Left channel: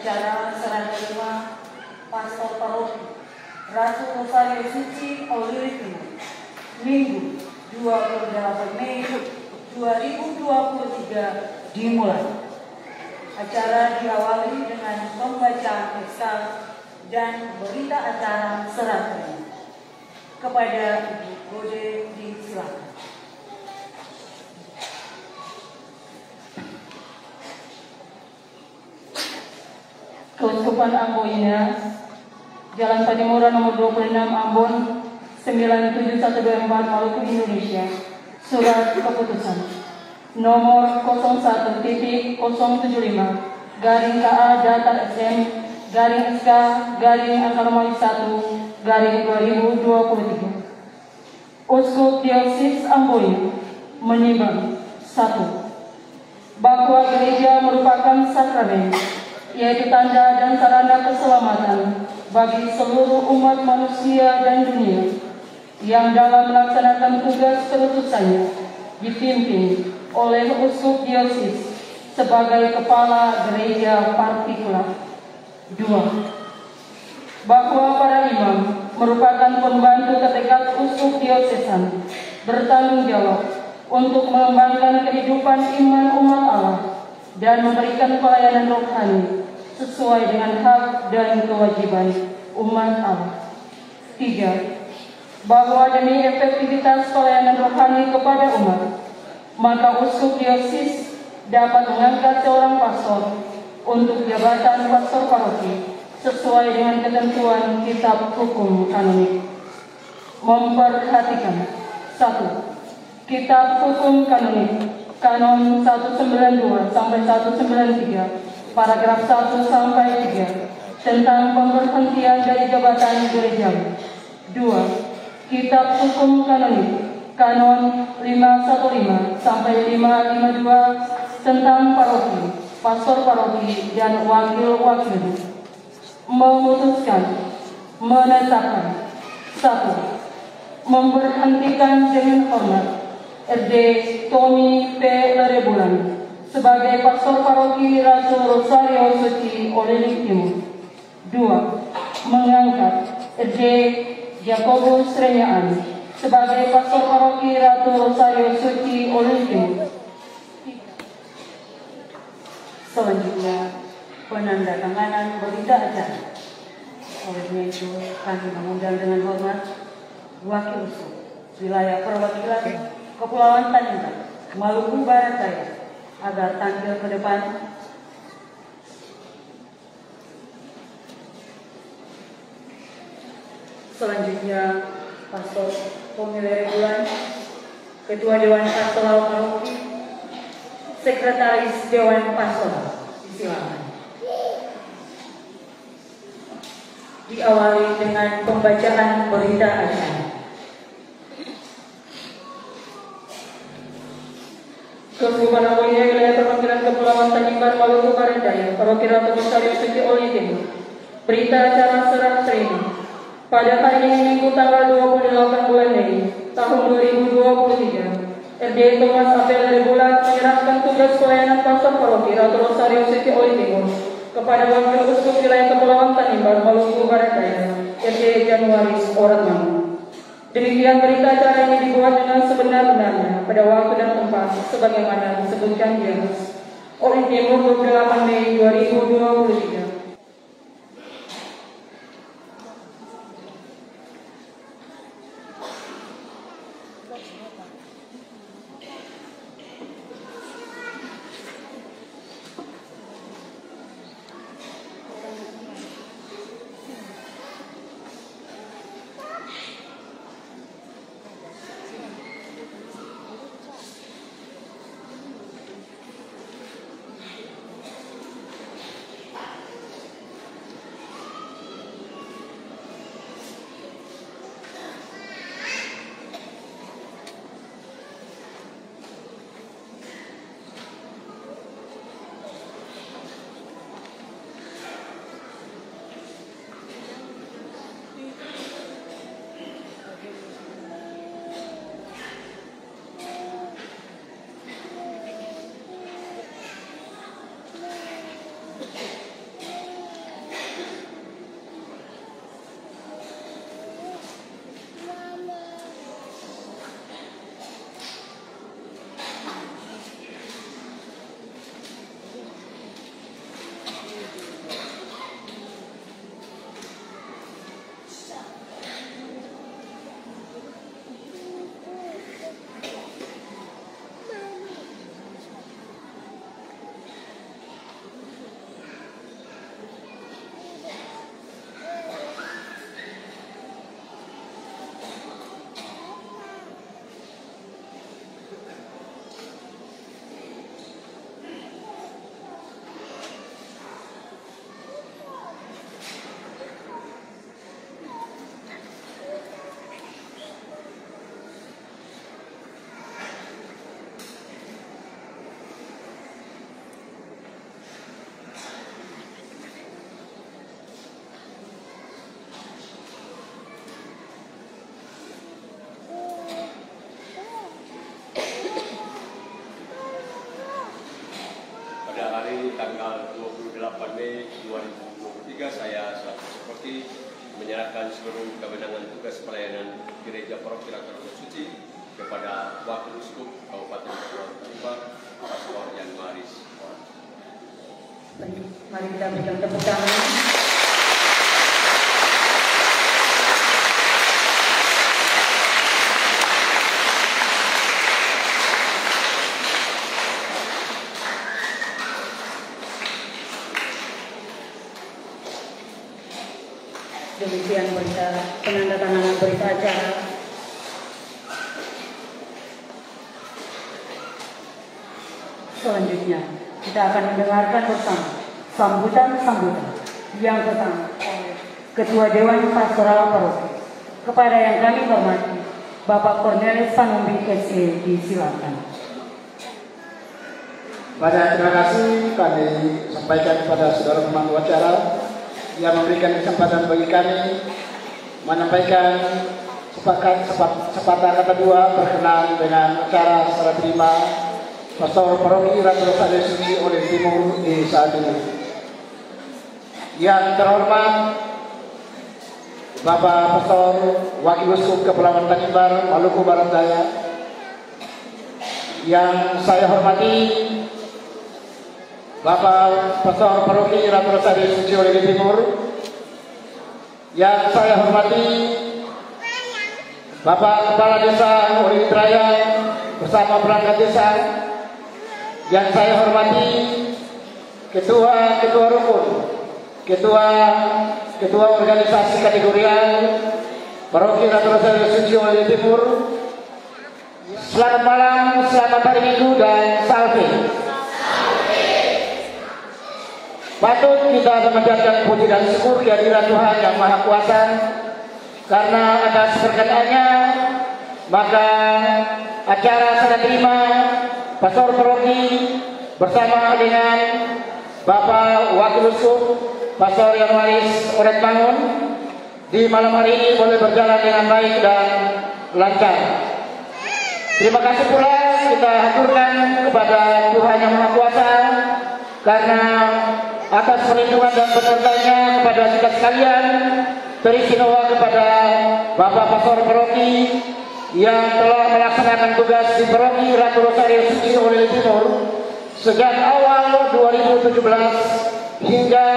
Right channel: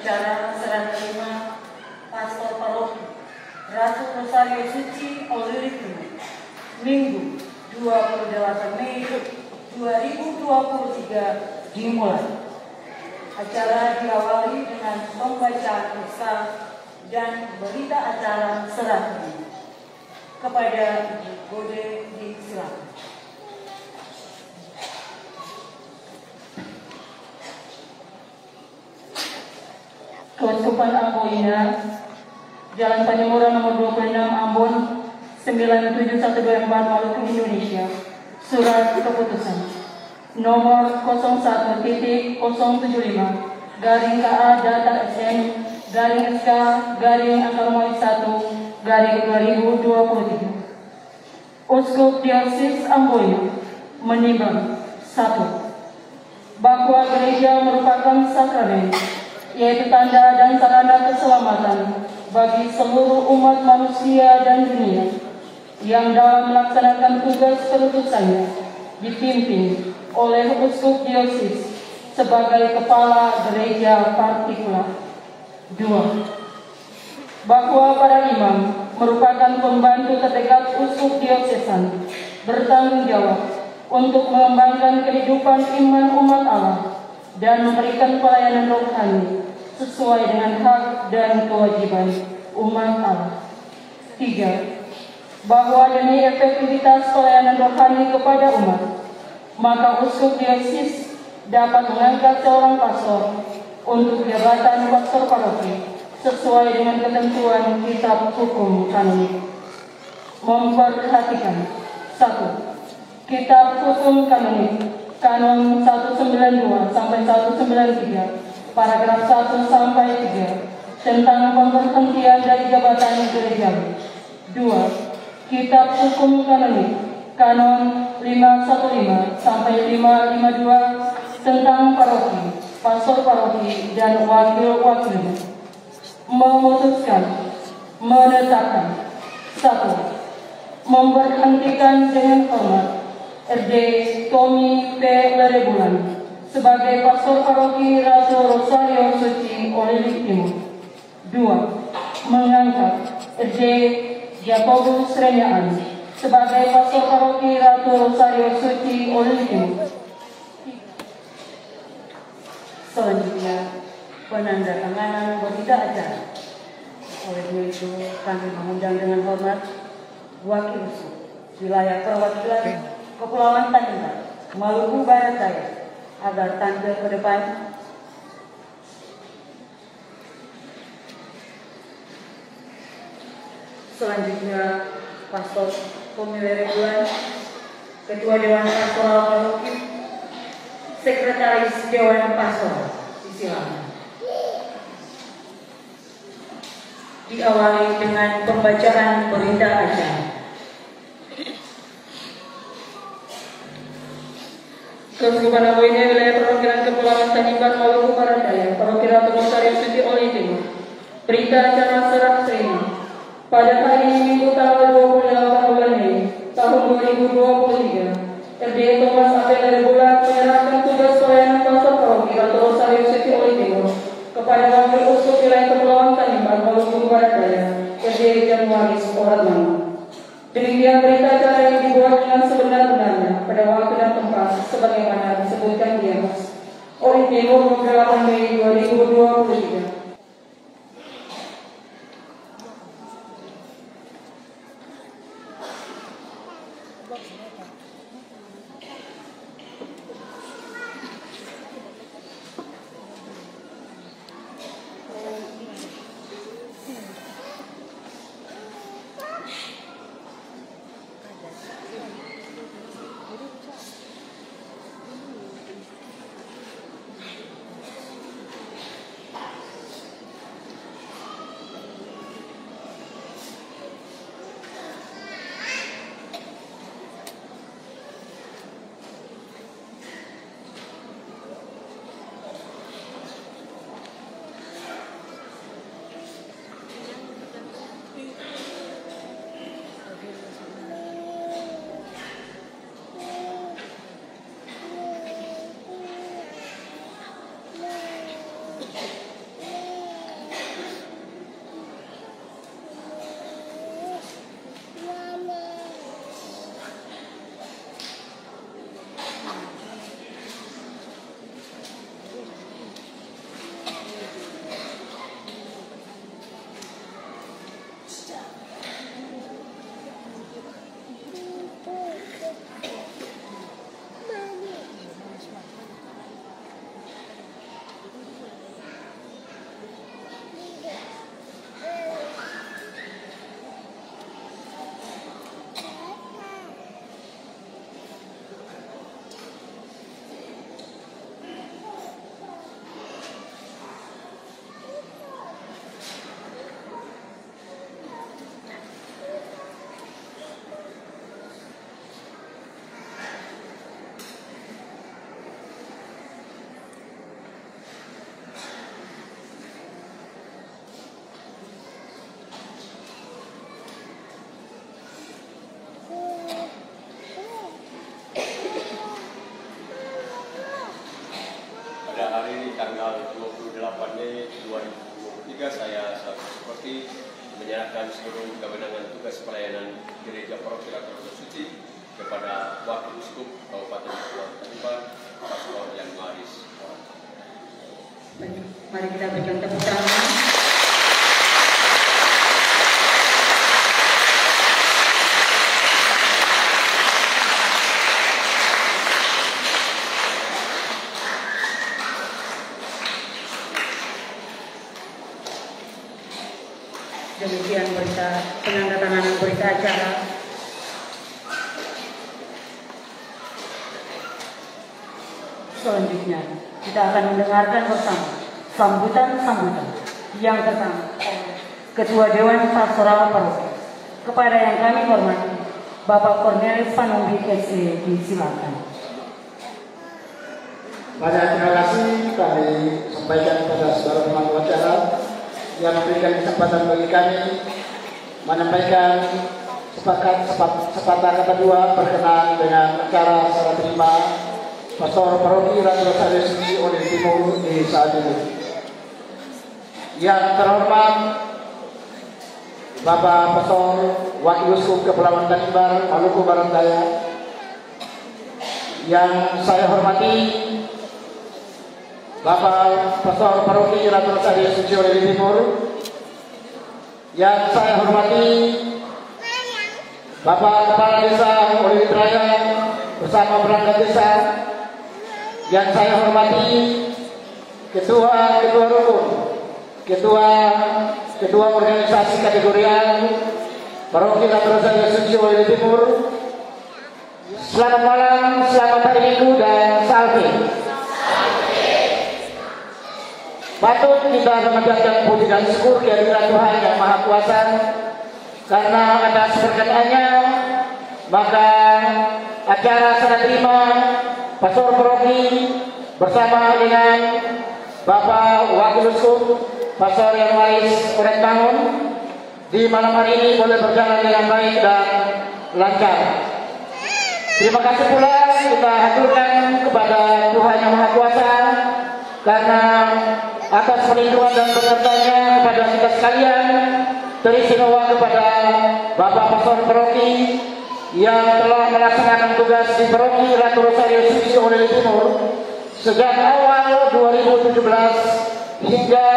acara serah terima Pastor Paroki Ratu Rosario Suci Oliriku, Minggu 28 Mei 2023 dimulai. Acara diawali dengan pembacaan Eksa dan berita acara serah terima. Kepada Ibu Bode disilakan. Keuskupan Amboina, Jalan Patimura nomor 26 Ambon 97124 Maluku Indonesia. Surat keputusan nomor 01.075 garing KA Datar SM garing SK garing Akarmai 1 garing 2023. Uskup Dioksis Amboina menimbang 1. Bahwa gereja merupakan sakramen, yaitu tanda dan sarana keselamatan bagi seluruh umat manusia dan dunia yang dalam melaksanakan tugas keutusannya dipimpin oleh Uskup Dioksis sebagai kepala gereja partikular. 2. Bahwa para imam merupakan pembantu terdekat Uskup Diocesan bertanggung jawab untuk mengembangkan kehidupan iman umat Allah dan memberikan pelayanan rohani sesuai dengan hak dan kewajiban umat Allah. 3. Bahwa demi efektivitas pelayanan rohani kepada umat, maka Uskup Dioksis dapat mengangkat seorang pastor untuk jabatan pastor paroki sesuai dengan ketentuan Kitab Hukum Kanonik. Memperhatikan 1. Kitab Hukum Kanonik Kanon 192 sampai 193 paragraf 1 sampai 3 tentang pemberhentian dari jabatan gerejawi. 2. Kitab Hukum Kanonik Kanon 515 sampai 552 tentang paroki, pastor paroki dan wakil-wakil. Memutuskan, menetapkan 1. Memberhentikan dengan hormat RD Tommy P. Lerebulan sebagai pastor paroki Ratu Rosario Suci Oliriku. 2. Mengangkat RD Jakobus Renyaan sebagai pastor paroki Ratu Rosario Suci Oliriku. Selanjutnya penandatanganan berita acara. Oleh itu kami mengundang dengan hormat Wakil Uskup Wilayah Perwakilan Kepulauan Tanimbar, Maluku Barat Daya, agar tampil ke depan. Selanjutnya Pastor Tommy Lerebulan, Ketua Dewan Pastoral Paroki, Sekretaris Dewan Pastoral. Silakan. Diawali dengan pembacaan berita acara. Keuskupan Amboina Wilayah Perwakilan Kepulauan Tanimbar, Maluku Barat Daya, Paroki Ratu Rosario Suci Oliriku. Berita acara serah terima. Pada hari ini Minggu tanggal 28 bulan Mei tahun 2023, RD Thomas Apel Lerebulan menyerahkan tugas pelayanan pastor paroki Ratu Rosario Suci Oliriku kepada Wakil Uskup Wilayah Kepulauan Tanimbar, Maluku Barat Daya, RD Januaris Oratmangun. Demikian berita acara ini dibuat dengan sebenar-benarnya pada waktu dan tempat sebagaimana disebutkan di atas oleh Timur 28 Mei 2023. Mei 2023 saya selaku seperti menyerahkan seluruh kewenangan tugas pelayanan Gereja Paroki Ratu Rosa Suci kepada Wakil Uskup Kabupaten Kepulauan Tanimbar, Pastor Jan Maris. Mari kita berikan tepuk tangan. Demikian penandatanganan berita acara. Selanjutnya kita akan mendengarkan bersama sambutan yang pertama oleh Ketua Dewan Pastoral Paroki. Kepada yang kami hormati Bapak Cornelis Panumbi SE, disilakan. Banyak terima kasih kami sampaikan kepada saudara pemangku acara yang memberikan kesempatan bagi kami menyampaikan sepatah kata dua berkenaan dengan acara serah terima Pastor Paroki Ratu Rosario Suci Olim Timur di saat ini. Yang terhormat Bapak Pastor Wakil Uskup Kepulauan Tanimbar, Maluku Barat Daya. Yang saya hormati Bapak Pastor Paroki Ratu Rosario Suci Olim Timur. Yang saya hormati Bapak Kepala Desa Olim Raya bersama perangkat desa. Yang saya hormati ketua rukun, ketua organisasi kategorial Paroki Ratu Rosario Suci Olim Timur. Selamat malam, selamat hari Minggu dan salve. Patut kita memanjatkan puji dan syukur kehadiran Tuhan yang Maha Kuasa, karena atas berkatnya maka acara serah terima Pastor Paroki bersama dengan Bapak Wakil Uskup Pastor Jan Maris Oret Bangun di malam hari ini boleh berjalan dengan baik dan lancar. Terima kasih pula kita haturkan kepada Tuhan yang Maha Kuasa karena atas perlindungan dan berkatnya kepada kita sekalian, teristimewa kepada Bapak Pastor Paroki yang telah melaksanakan tugas di Paroki Ratu Rosario Suci Olim Timur sejak awal 2017 hingga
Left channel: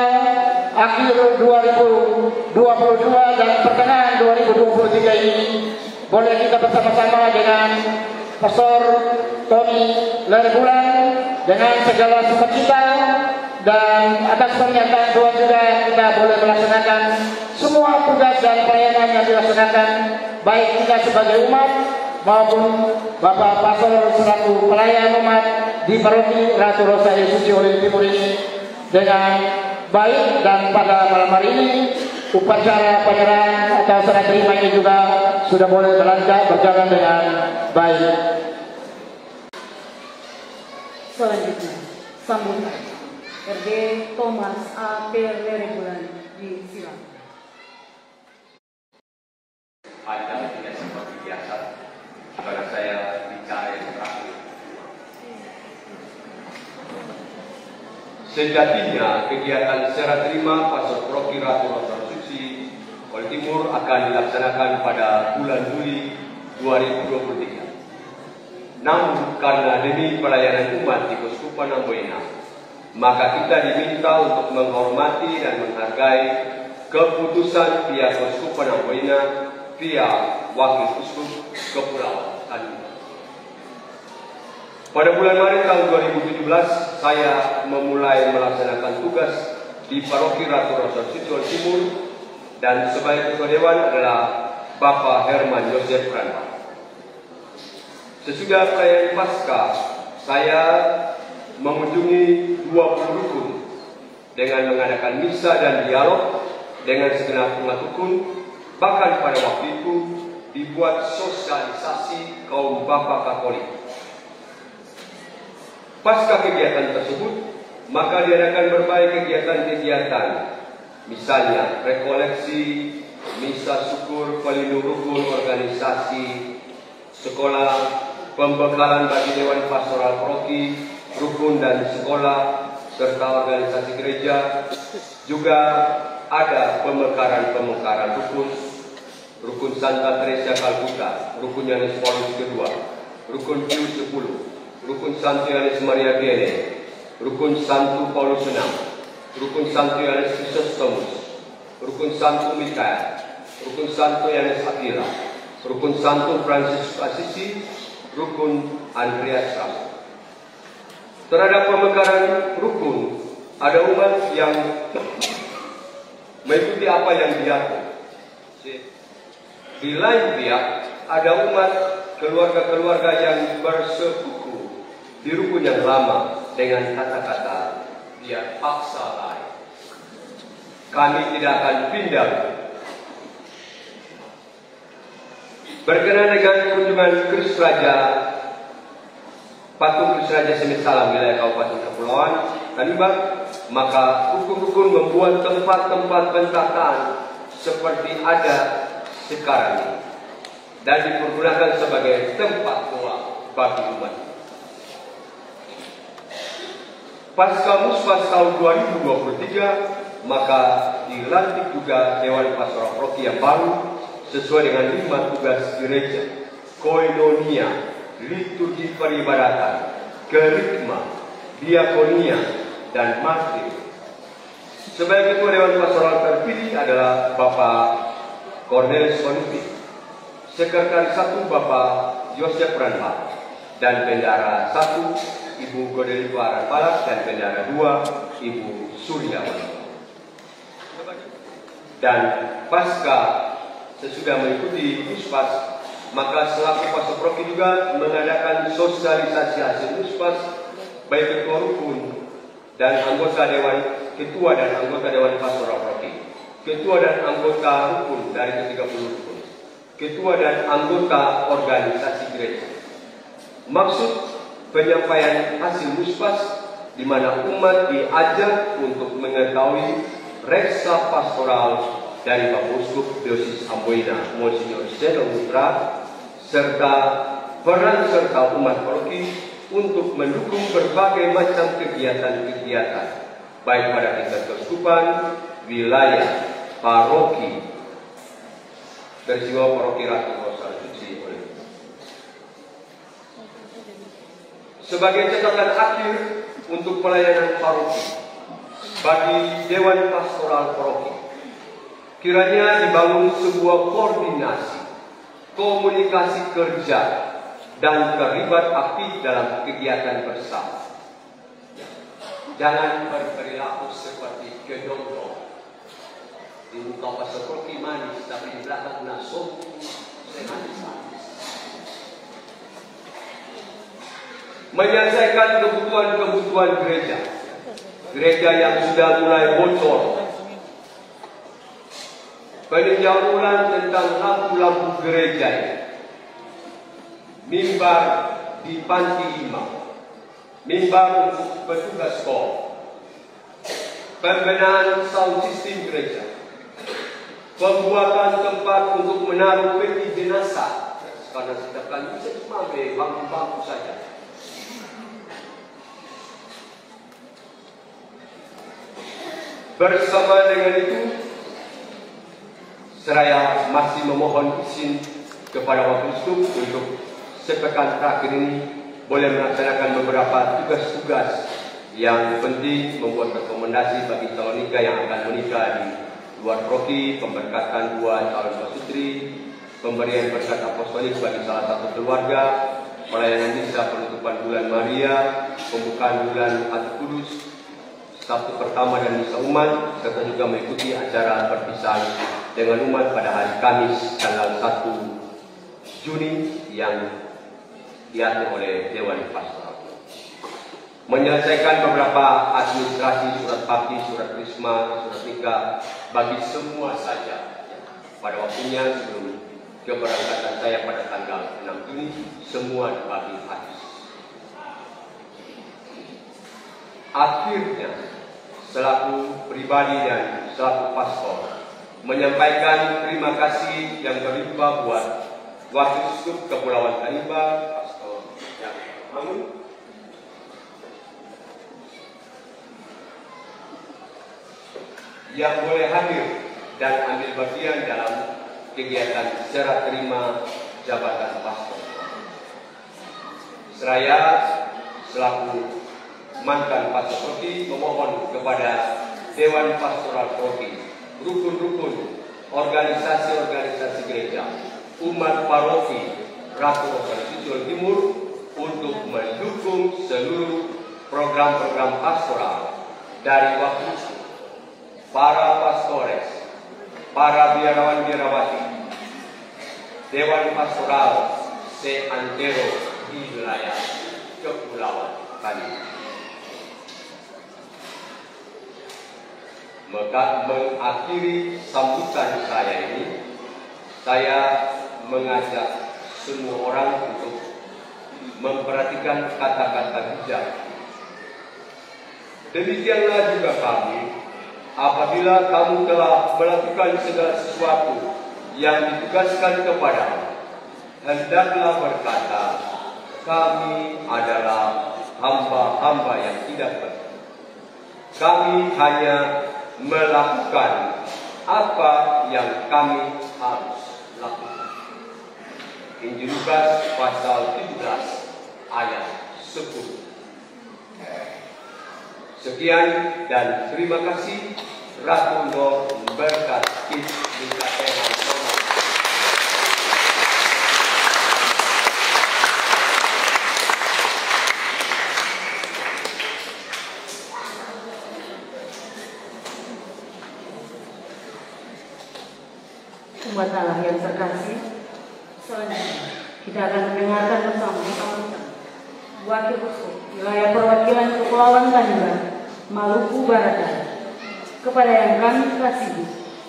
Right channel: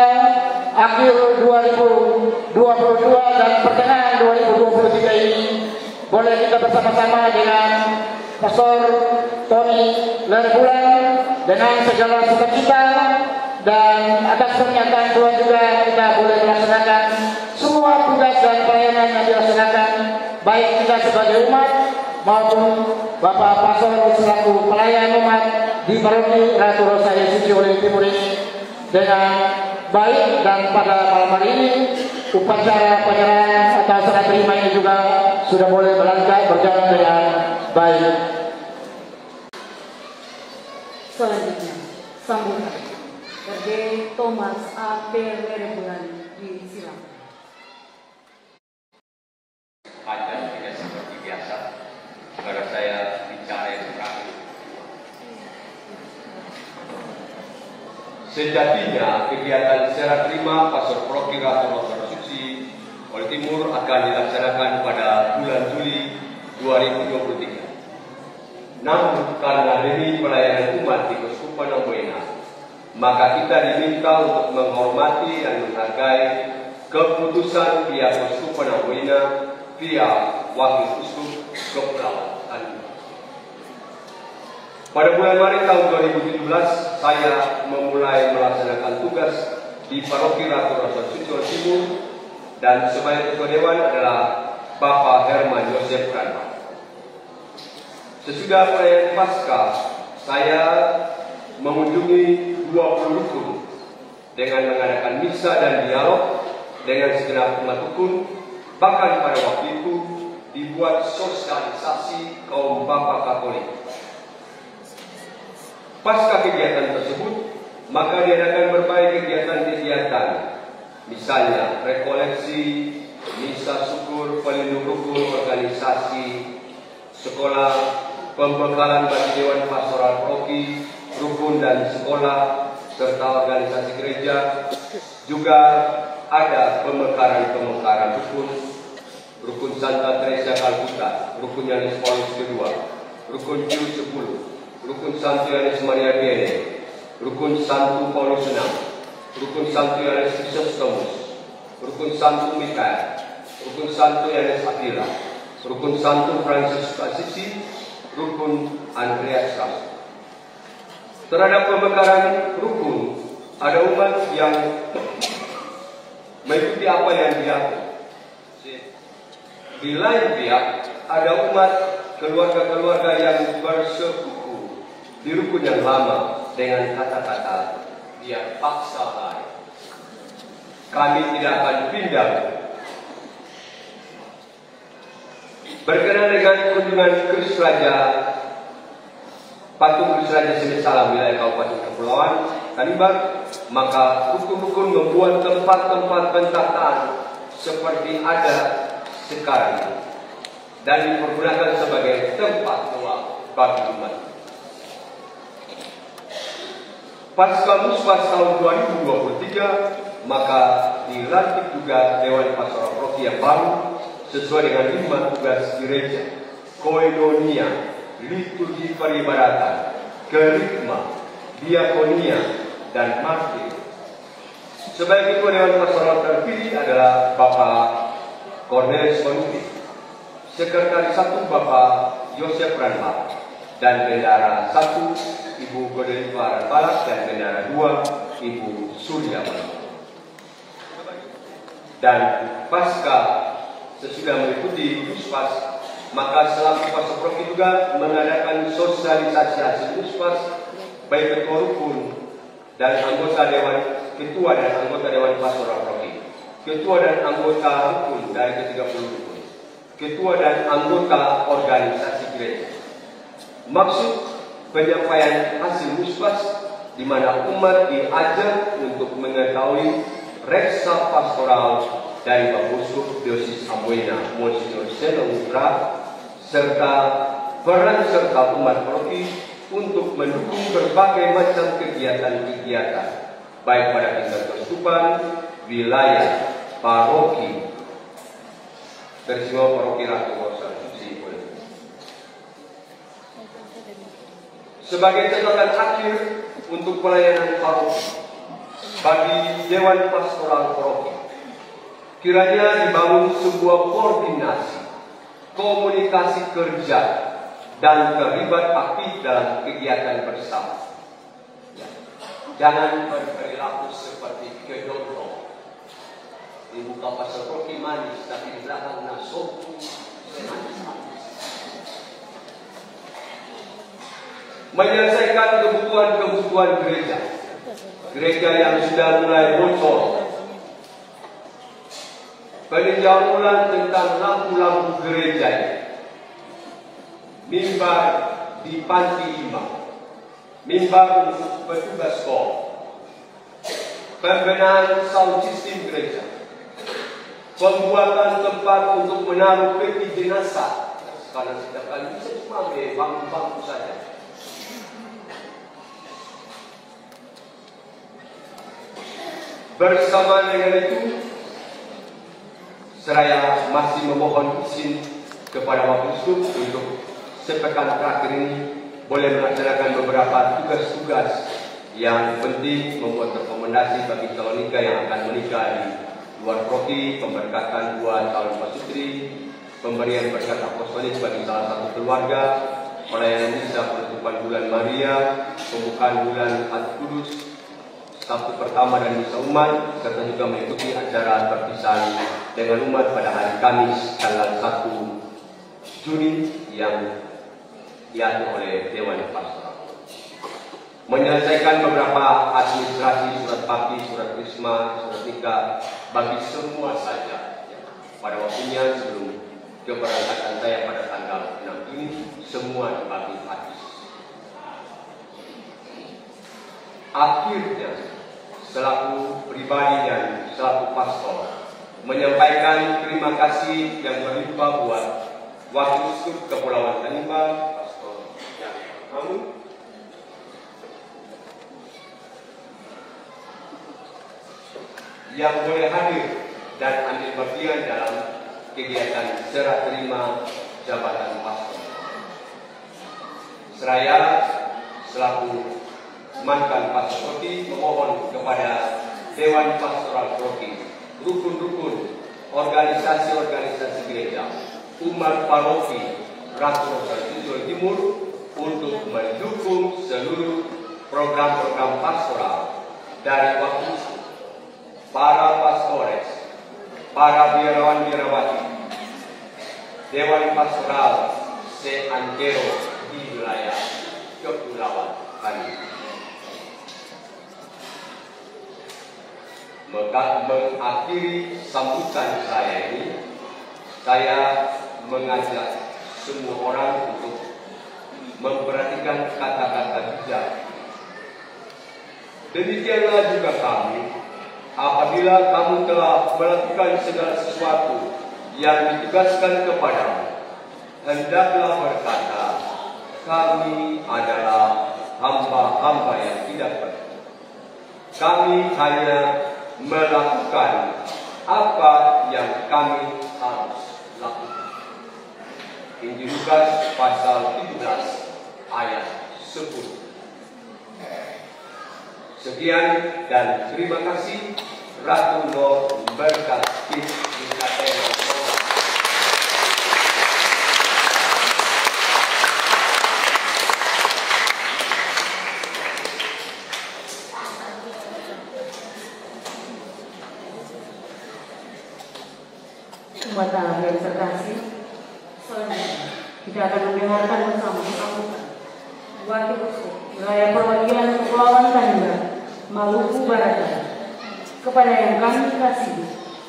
akhir 2022 dan pertengahan 2023 ini. Boleh kita bersama-sama dengan Pastor Tony Lerbulan dengan segala sukacita, dan atas pernyataan Tuhan juga kita boleh melaksanakan semua tugas dan pelayanan yang dilaksanakan, baik kita sebagai umat maupun Bapak Pastor selaku pelayan umat di Paroki Ratu Rosario Suci Olim Timur ini dengan baik. Dan pada malam hari ini upacara penyerahan atau serah terima ini juga sudah boleh berjalan dengan baik. Selanjutnya sambutan Berde Thomas A. Lerbulan, disilakan. Acara tidak seperti biasa, karena saya bicara terakhir. Sejatinya kegiatan serah terima Pastor Paroki Ratu Rosario Suci Olim Timur akan dilaksanakan pada bulan Juli 2023. Namun karena demi pelayanan umat di Keuskupan Amboina, maka kita diminta untuk menghormati dan menghargai keputusan pihak Keuskupan Amboina via Wakil Uskup Kepulauan Tanimbar. Pada bulan Maret tahun 2017, saya memulai melaksanakan tugas di Paroki Ratu Rosario Suci Olim Timur, dan sebagai ketua dewan adalah Bapak Herman Joseph Prana. Sesudah perayaan Paskah, saya mengunjungi 20 rukun dengan mengadakan misa dan dialog dengan segenap umat rukun. Bahkan pada waktu itu dibuat sosialisasi kaum Bapak Katolik. Pasca kegiatan tersebut, maka diadakan berbagai kegiatan-kegiatan, misalnya rekoleksi, misa syukur, pelindung rukun, organisasi, sekolah, pembekalan bagi Dewan Pastoral Paroki, rukun dan sekolah, serta organisasi gereja. Juga ada pemekaran rukun Santa Teresa Calcutta, rukun Yohanes Paulus II, rukun Pius X, rukun Santo Yohanes Maria Vianney, rukun Santo Paulus VI, rukun Santo Yohanes Chrysostomus, rukun Santo Mikael, rukun Santo Yohanes Aquila, rukun Santo Franciscus Assisi, rukun Andreas Caspar. Terhadap pemekaran rukun, ada umat yang mengikuti apa yang diatur. Di lain pihak, ada umat keluarga-keluarga yang bersekutu di rukun yang lama dengan kata-kata dia paksa lain. Kami tidak akan pindah. Berkenaan dengan kunjungan Kudus Raja Patung Kudus Raja Semit Salam wilayah Kabupaten Kepulauan Tanimbar, maka hukum-hukum membuat tempat-tempat bentakan seperti ada sekarang ini dan dipergunakan sebagai tempat doa bagi umat. Pasca Muspas tahun 2023, maka dilantik juga Dewan Pastoral Paroki yang baru sesuai dengan 5 tugas gereja: koinonia, liturgi peribadatan, kerikma, diakonia, dan martir. Sebagai ketua Dewan Pastoral terpilih adalah Bapak Cornelis Panuti, Sekretaris 1 Bapak Yosef Ranbal, dan Bendahara 1 Ibu Godeliva Ranbal, dan Bendahara 2 Ibu Surya Ranbal. Dan pasca sesudah mengikuti Muspas, maka selaku pastor paroki juga mengadakan sosialisasi hasil Muspas baik ketua rukun dan anggota dewan, ketua dan anggota Dewan Pastoral Paroki, ketua dan anggota rukun dari ke-30 rukun, ketua dan anggota organisasi gereja. Maksud penyampaian hasil Muspas di mana umat diajar untuk mengetahui reksa pastoral dari Bapak Uskup Diosis Amboina Monsignor Seno Utra, serta peran serta umat paroki untuk mendukung berbagai macam kegiatan-kegiatan baik pada tingkat keuskupan, wilayah, paroki, Bersiwa Paroki Ratu Kosan Suci. Sebagai catatan akhir untuk pelayanan paroki bagi Dewan Pastoral Paroki, kiranya dibangun sebuah koordinasi, komunikasi kerja, dan terlibat aktif dalam kegiatan bersama. Jangan berperilaku seperti kedondong. Di muka pastor paroki manis, tapi di belakang nasoku menyelesaikan kebutuhan-kebutuhan gereja. Gereja yang sudah mulai bocor, peninjauan tentang lampu-lampu gereja, mimbar di panti 5, mimbar untuk petugas sekolah, pembenahan sound system gereja, pembuatan tempat untuk menaruh peti jenazah, karena setiap kali bisa cuma bangku-bangku saja. Bersama dengan itu, saya masih memohon izin kepada Bapak Uskup untuk sepekan terakhir ini boleh melaksanakan beberapa tugas-tugas yang penting, membuat rekomendasi bagi calon nikah yang akan menikah di luar paroki, pemberkatan buat calon pasutri, pemberian berkat apostolik bagi salah satu keluarga, pelayanan misa penutupan bulan Maria, pembukaan bulan Al-Kudus, Sabtu pertama dan misa umat, serta juga mengikuti acara perpisahan dengan umat pada hari Kamis tanggal 1 Juni yang diatur oleh Dewan Pastoral. Menyelesaikan beberapa administrasi, surat bakti, surat krisma, surat nikah bagi semua saja. Pada waktunya sebelum keberangkatan saya pada tanggal 6 Juni, semua dibagi habis. Akhirnya, selaku pribadi dan selaku pastor, menyampaikan terima kasih yang berlimpah buat Wakil Uskup Kepulauan Tanimbar, Pastor Yang Mamun, yang boleh hadir dan ambil bagian dalam kegiatan serah terima jabatan pastor. Seraya selaku mantan pastor Proki memohon kepada Dewan Pastoral Proki, rukun-rukun organisasi-organisasi gereja, umat paroki Ratu Rosalia Jawa Timur untuk mendukung seluruh program-program pastoral dari waktu para pastores, para biarawan-biarawati, Dewan Pastoral se-antero di wilayah kepulauan kami. Maka mengakhiri sambutan saya ini, saya mengajak semua orang untuk memperhatikan kata-kata bijak. Demikianlah juga kami, apabila kamu telah melakukan segala sesuatu yang ditugaskan kepadamu, hendaklah berkata, kami adalah hamba-hamba yang tidak benar. Kami hanya melakukan apa yang kami harus lakukan. Injil Lukas pasal 17 ayat 10. Sekian dan terima kasih. Ratu memberkati kita tema. Umat Allah yang terkasih, selanjutnya kita akan mendengarkan bersama-sama Wakil Uskup Wilayah Perwakilan Kepulauan Tanimbar, Maluku Barat, kepada yang kami kasihi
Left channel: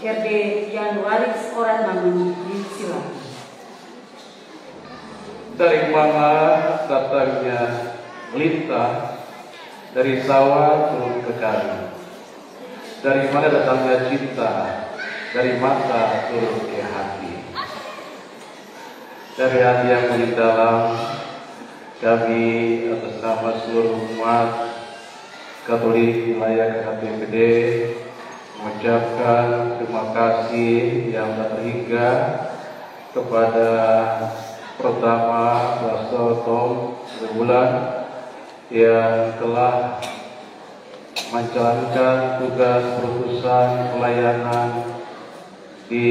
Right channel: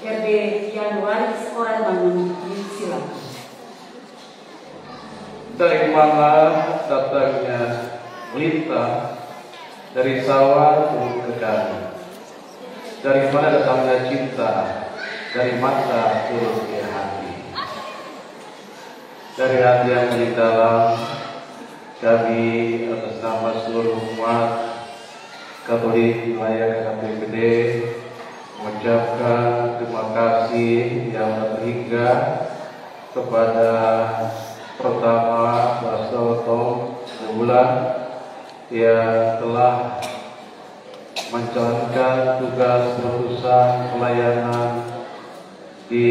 RD Januaris Orang Bangun di Silang. Terimalah datangnya berita dari sawah turun ke danau, dari mana datangnya cinta, dari mata turun ke hati. Dari hati yang di dalam, kami atas nama seluruh umat Katolik wilayah KPPD mengucapkan terima kasih yang tak terhingga kepada pertama Pastor Tom Bulan yang telah menjalankan tugas berurusan pelayanan di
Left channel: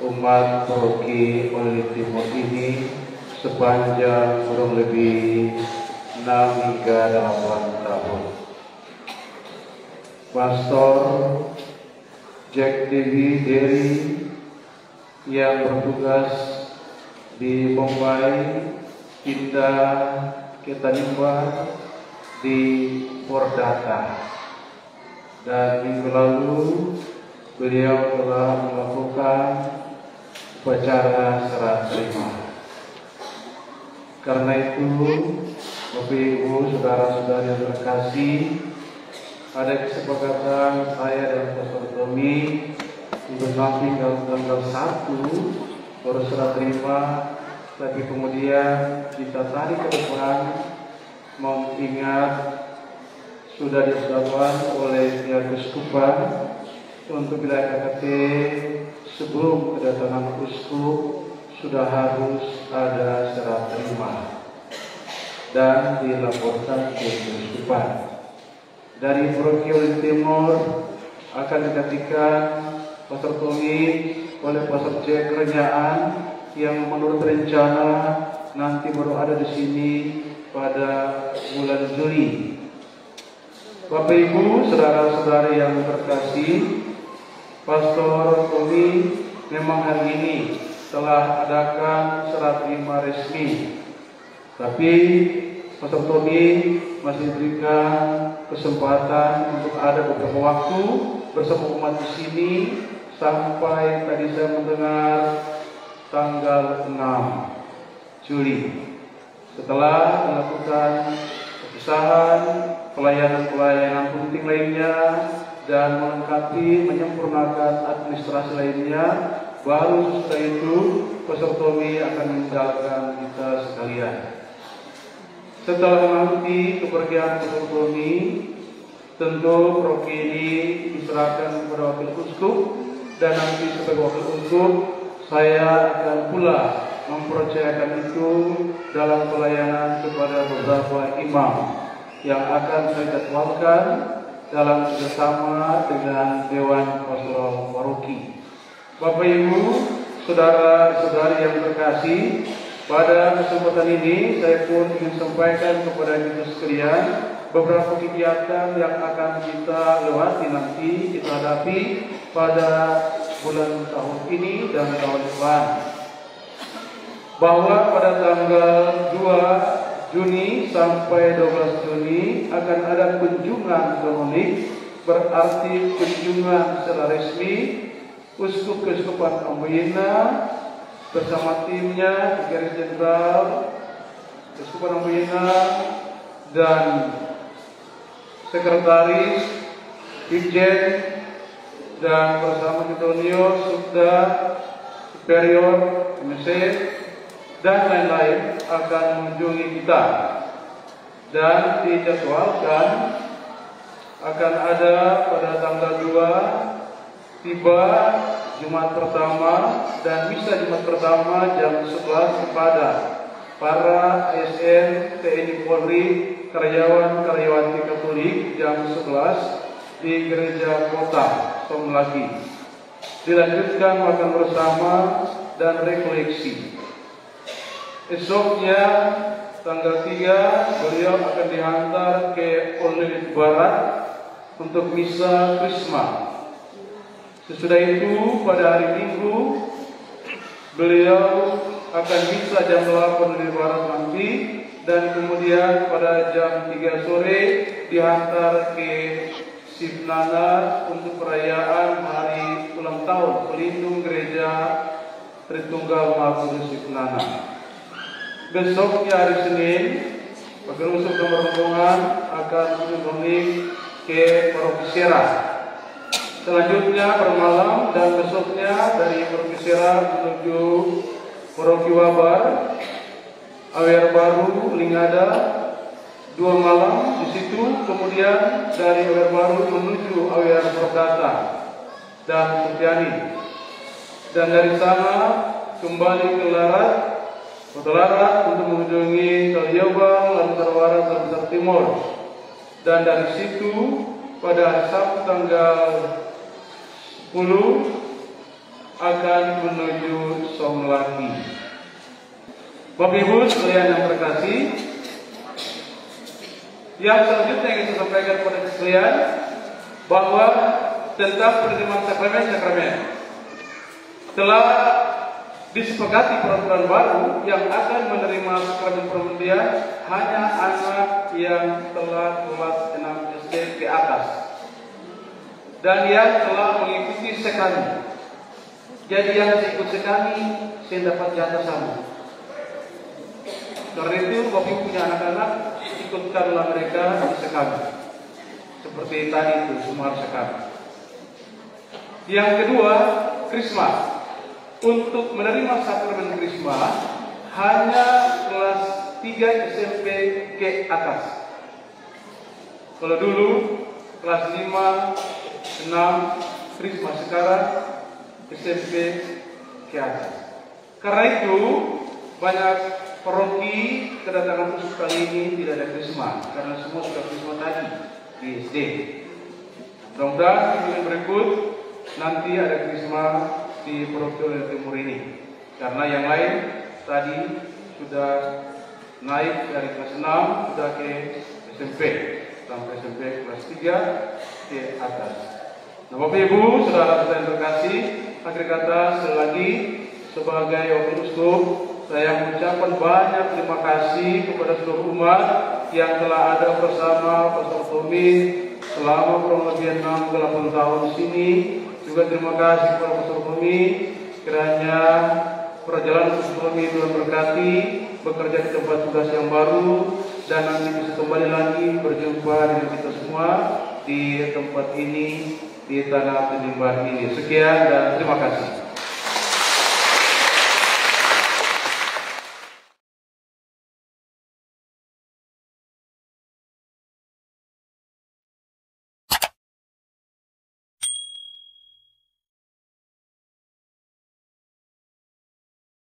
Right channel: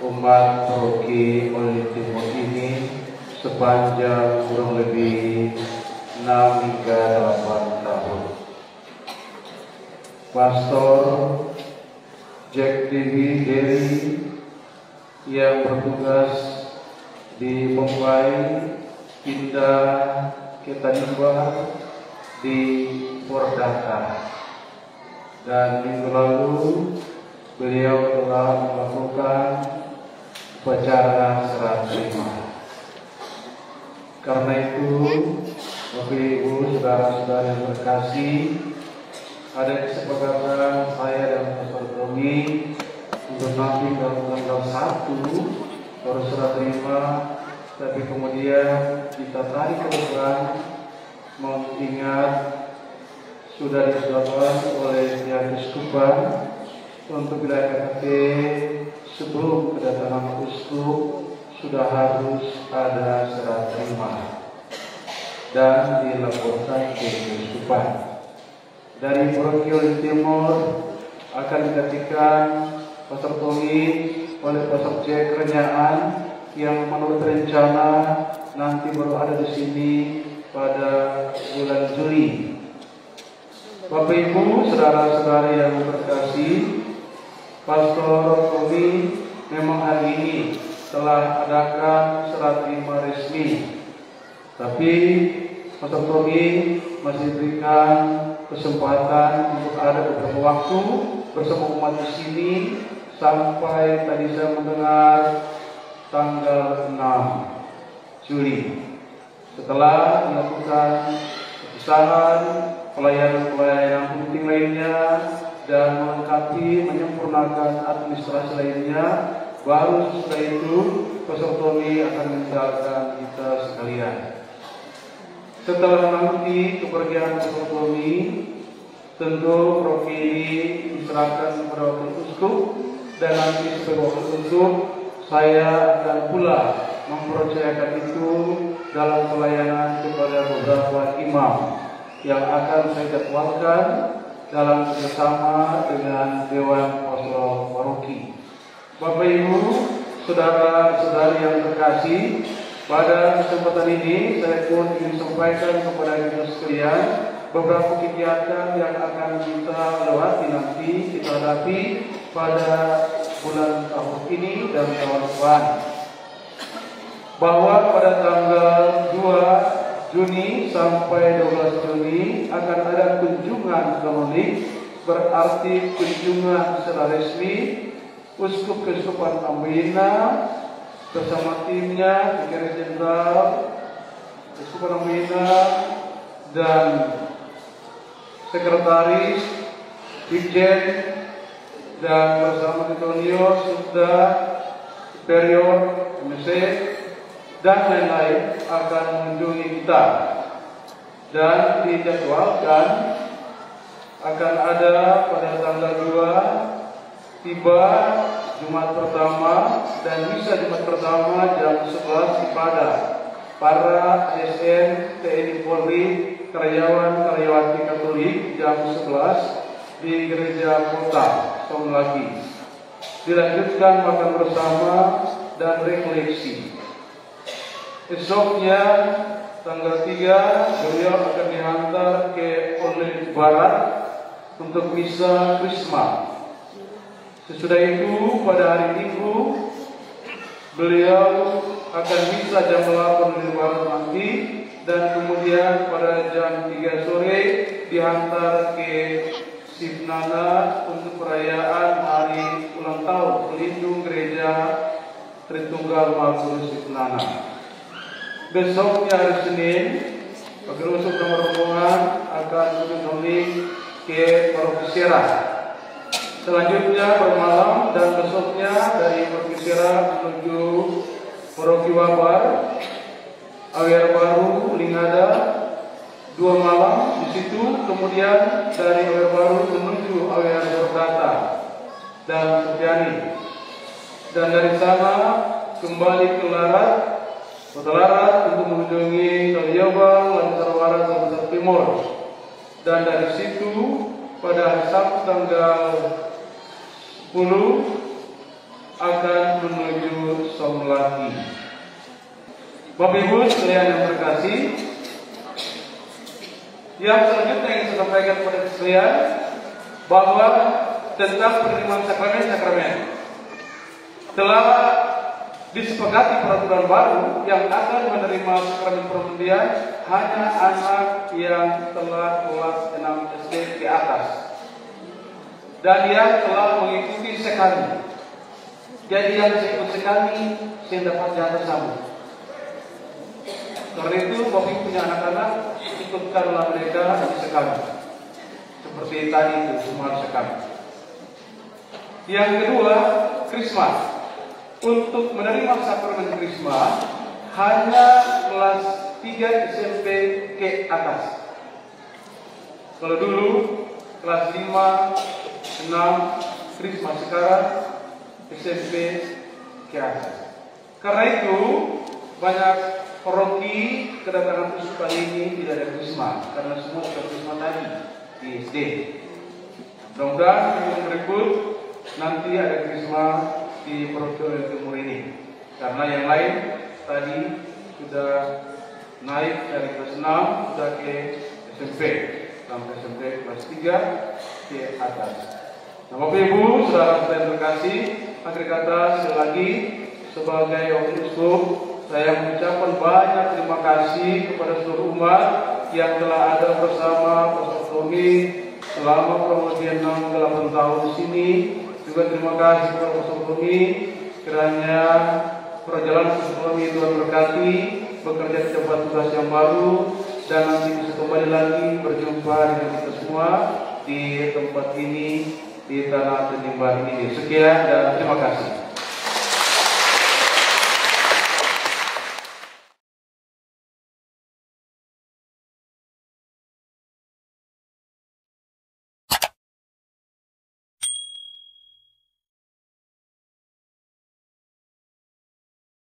umat paroki Oli Timur ini sepanjang kurang lebih 6 hingga 8 tahun. Pastor Jack Dewi Derry yang bertugas di Bombay pindah ke Tanimbar di Pordata, dan minggu lalu beliau telah melakukan upacara serah terima. Karena itu, Bapak Ibu, saudara-saudara yang terkasih, ada kesepakatan saya dan Pastor Tommy untuk nanti tanggal 1 baru serah terima, tapi kemudian kita tarik ke depan mengingat sudah disebutkan oleh pihak Keuskupan untuk wilayah KKT sebelum kedatangan uskup sudah harus ada serah terima dan dilaporkan ke Keuskupan. Dari Paroki Oli Timur akan digantikan Pastor Tommy oleh Pastor Jack Renyaan yang menurut rencana nanti baru ada di sini pada bulan Juli. Bapak Ibu, saudara-saudara yang terkasih, Pastor Tommy memang hari ini telah adakan serah terima resmi, tapi Pastor Tommy masih diberikan kesempatan untuk ada beberapa waktu bersama umat di sini sampai tadi saya mendengar tanggal 6 Juli. Setelah melakukan perpisahan pelayanan penting lainnya dan melengkapi menyempurnakan administrasi lainnya, baru setelah itu Pastor Tommy akan meninggalkan kita sekalian. Setelah nanti kepergian Pastor Tommy, tentu paroki ini diserahkan uskup dan nanti sebagai wakil uskup saya akan pula mempercayakan itu dalam pelayanan kepada beberapa imam yang akan saya jadwalkan dalam kerjasama dengan Dewan Pastoral Paroki. Bapak Ibu, saudara-saudari yang terkasih, pada kesempatan ini saya pun ingin sampaikan kepada kita sekalian beberapa kegiatan yang akan kita lewati nanti, kita hadapi pada bulan tahun ini dan tahun depan. Bahwa pada tanggal 2 Juni sampai 12 Juni akan ada kunjungan kanonik, berarti kunjungan secara resmi Uskup Keuskupan Amboina bersama timnya, Vicaris Jenderal Keuskupan Amboina dan Sekretaris, Dirjen, dan bersama Titonio, Subda, Superior, MC, dan lain-lain akan mengunjungi kita. Dan dijadwalkan akan ada pada tanggal 2 tiba Jumat pertama dan misa Jumat pertama jam 11 ibadah para ASN TNI Polri karyawan-karyawati Katolik jam 11 di Gereja Kota Songlaki. Dilanjutkan makan bersama dan rekoleksi. Esoknya tanggal 3 beliau akan dihantar ke Onel Barat untuk misa Krisma. Sesudah itu pada hari Minggu beliau akan misa jam 8 Onel Barat nanti, dan kemudian pada jam 3 sore dihantar ke Sipnana untuk perayaan hari ulang tahun pelindung Gereja Tritunggal Maha Kudus Sipnana. Besoknya hari Senin, Wakil Uskup nomor rombongan akan mengunjungi ke Paroki Serah. Selanjutnya bermalam dan besoknya dari Paroki Serah menuju Paroki Wabar, Awer Baru, Lingada, 2 malam di situ. Kemudian dari Awer Baru menuju Awer Berdata dan Supiani, dan dari sana kembali ke Larat, Larat untuk mengunjungi Kaliobang, Lantarwara, dan Besar Timur. Dan dari situ pada hari Sabtu tanggal 10 akan menuju Songlaki. Bapak Ibu sekalian yang terkasih, yang selanjutnya yang saya sampaikan kepada sekalian bahwa tentang penerimaan sakramen-sakramen telah disepakati peraturan baru yang akan menerima sakramen permandian hanya anak yang telah kelas 6 SD ke atas dan yang telah mengikuti sekali. Jadi yang saya ikut sekali saya dapat jatah sama. Karena itu Bapak punya anak-anak, ikutkanlah mereka di sekali. Seperti tadi itu semua sekali. Yang kedua, Krisma. Untuk menerima sakramen Krisma hanya kelas 3 SMP ke atas. Kalau dulu kelas 5, 6 Krisma, sekarang SMP ke atas. Karena itu banyak paroki kedatangan khusus kali ini tidak ada Krisma, karena semua sudah Krisma tadi di SD. Mudah-mudahan minggu berikut nanti ada Krisma di Paroki Timur ini, karena yang lain tadi sudah naik dari kelas 6 sudah ke SMP sampai SMP kelas 3 ke atas. Nah, Bapak Ibu, saudara-saudara yang terkasih, akhir kata sekali lagi sebagai wakil uskup saya mengucapkan banyak terima kasih kepada seluruh umat yang telah ada bersama Pastor Tommy selama kurang lebih 68 tahun di sini. Juga terima kasih kepada Pastor Tommy, kiranya perjalanan Pastor Tommy Tuhan berkati, bekerja di tempat tugas yang baru, dan nanti bisa kembali lagi berjumpa dengan kita semua di tempat ini, di tanah Tinimbah ini. Sekian dan terima kasih.